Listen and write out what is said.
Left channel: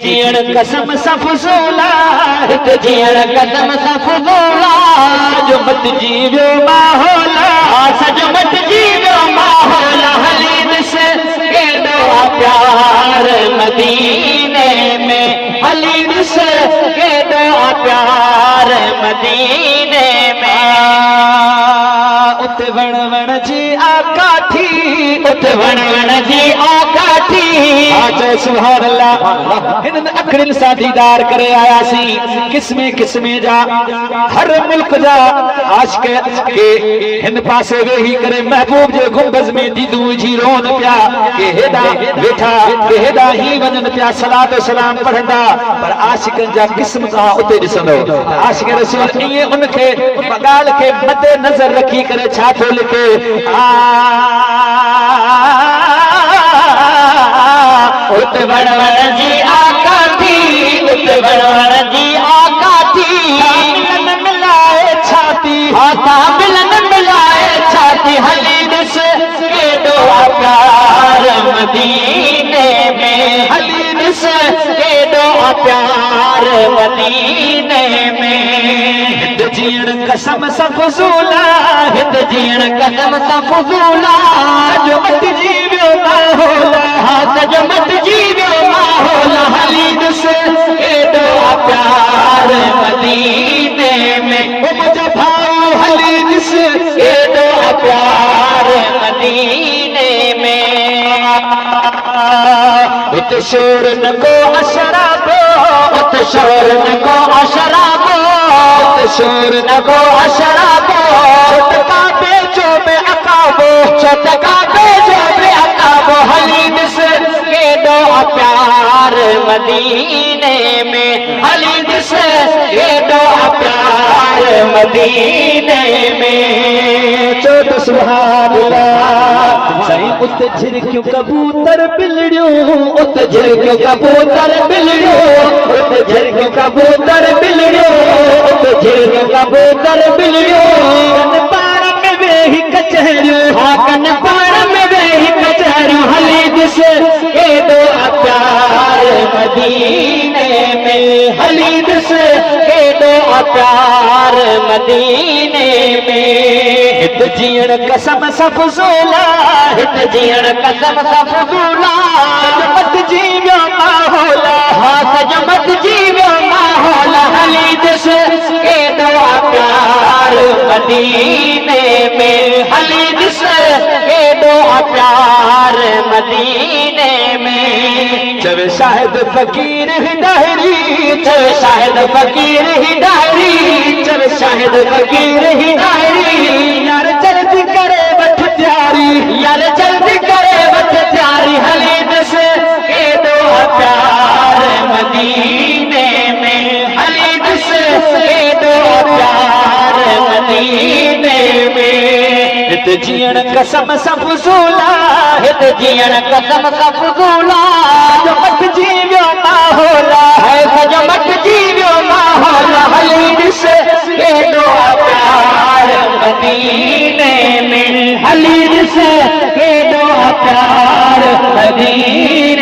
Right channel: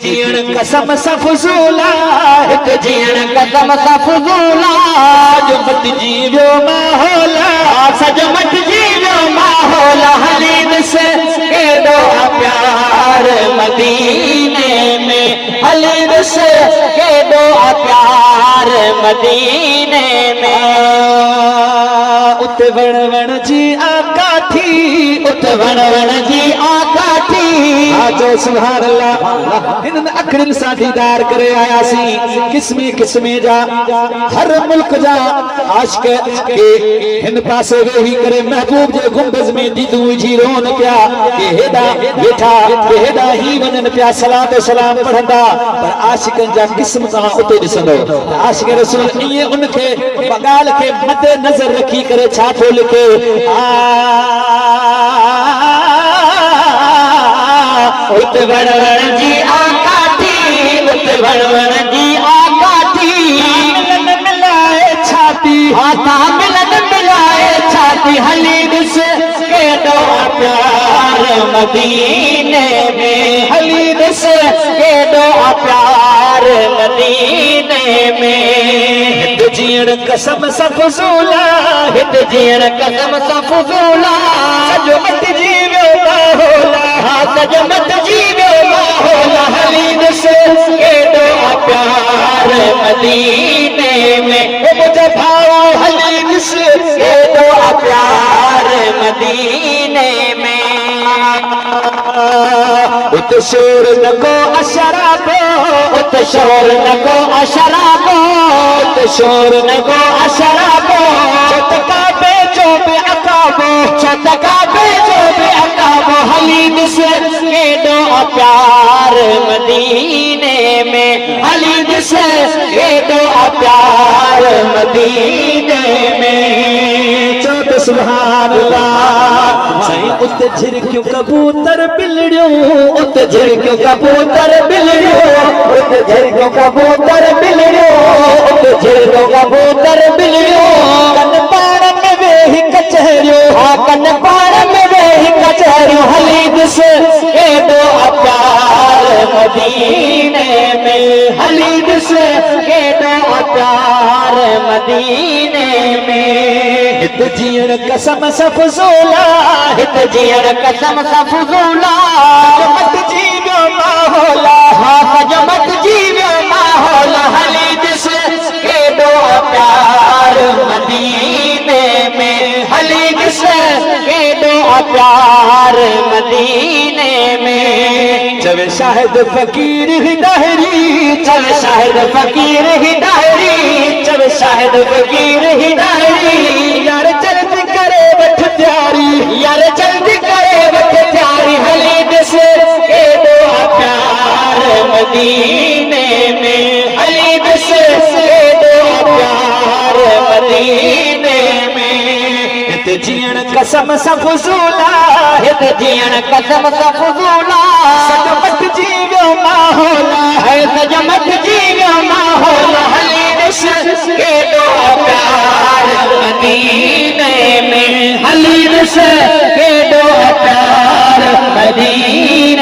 जीअण कसम सां फुज़ूला हिते जीअण कसम सां फुज़ूला सॼो मटिजी वियो माहौल सॼो मटिजी वियो माहौल हली ॾिस केॾो प्यार मदीने में हली ॾिस केॾो प्यार मदीने में उत वण वण जी आका थी उत वण वण जी आका थी आज सुभान अल्लाह हिन अखड़िन सां दीदार करे आयासीं किस्मे किस्मे जा हर मुल्क जा आशिक के हिन पासे वेही करे महबूब जे गुंबज़ में दीदू विझी रोन पिया के हेॾा वेठा के हेॾा ही वञनि पिया सलात सलाम पढ़ंदा पर आशिकनि जा किस्म तव्हां उते ॾिसंदो आशिक रसूल ईअं उनखे ॻाल्हि खे मदे नज़र रखी करे छा थो लिखे उत वण वण जी आका थी उत वण वण जी आका थी मिलन मिलाए छाती हाथा मिलन मिलाए छाती हली ॾिस केॾो प्यार मदीने में हली ॾिस केॾो प्यार मदीने में हिते जीअण कसम सां फुज़ूला हिते जीअण कसम सां फुज़ूला सॼो मटिजी वियो माहौल सॼो मटिजी वियो माहौल हली ॾिस केॾो प्यार मदीने में ओ मुंहिंजा भाऊ हली ॾिस केॾो प्यार मदीने में हिते शोर न को अशराबो हिते शोर न को अशराबो हिते शोर न को अशराबो छटका बेचो बे अकाबो छटका बेचो बे अकाबो हली ॾिस केॾो प्यार मदीने में हली ॾिस केॾो प्यार मदीने में चो त सुभान अल्लाह साईं उते झिरकियूं कबूतर बिलड़ियूं उते झिरकियूं कबूतर बिलड़ियूं उते झिरकियूं कबूतर बिलड़ियूं उते झिरकियूं कबूतर बिलड़ियूं कन पाण में वेही कचहरियूं हा कन पाण में वेही कचहरियूं हली ॾिस केॾो प्यार मदीने में हली ॾिस केॾो प्यार मदीने में हिते जीअण कसम सां फुज़ूला हिते जीअण कसम सां फुज़ूला सॼो मटिजी वियो माहौल सॼो मटिजी वियो माहौल हली ॾिस केॾो प्यार मदीने में हली ॾिस केॾो प्यार मदीने में चवे शाहिद फ़कीर हिदायरी चवे शाहिद फ़कीर हिदायरी चवे शाहिद फ़कीर हिदायरी यार जल्दी करे वठ तैयारी यार जल्दी करे वठ तैयारी हली ॾिस केॾो प्यार मदीने में हली ॾिस केॾो प्यार मदीने में हिते जीअण कसम सां फुज़ूला हिते जीअण कसम सां फुज़ूला सॼो मटिजी वियो माहौल सॼो मटिजी वियो माहौल हली ॾिस केॾो प्यार मदीने में हली ॾिस केॾो प्यार मदीने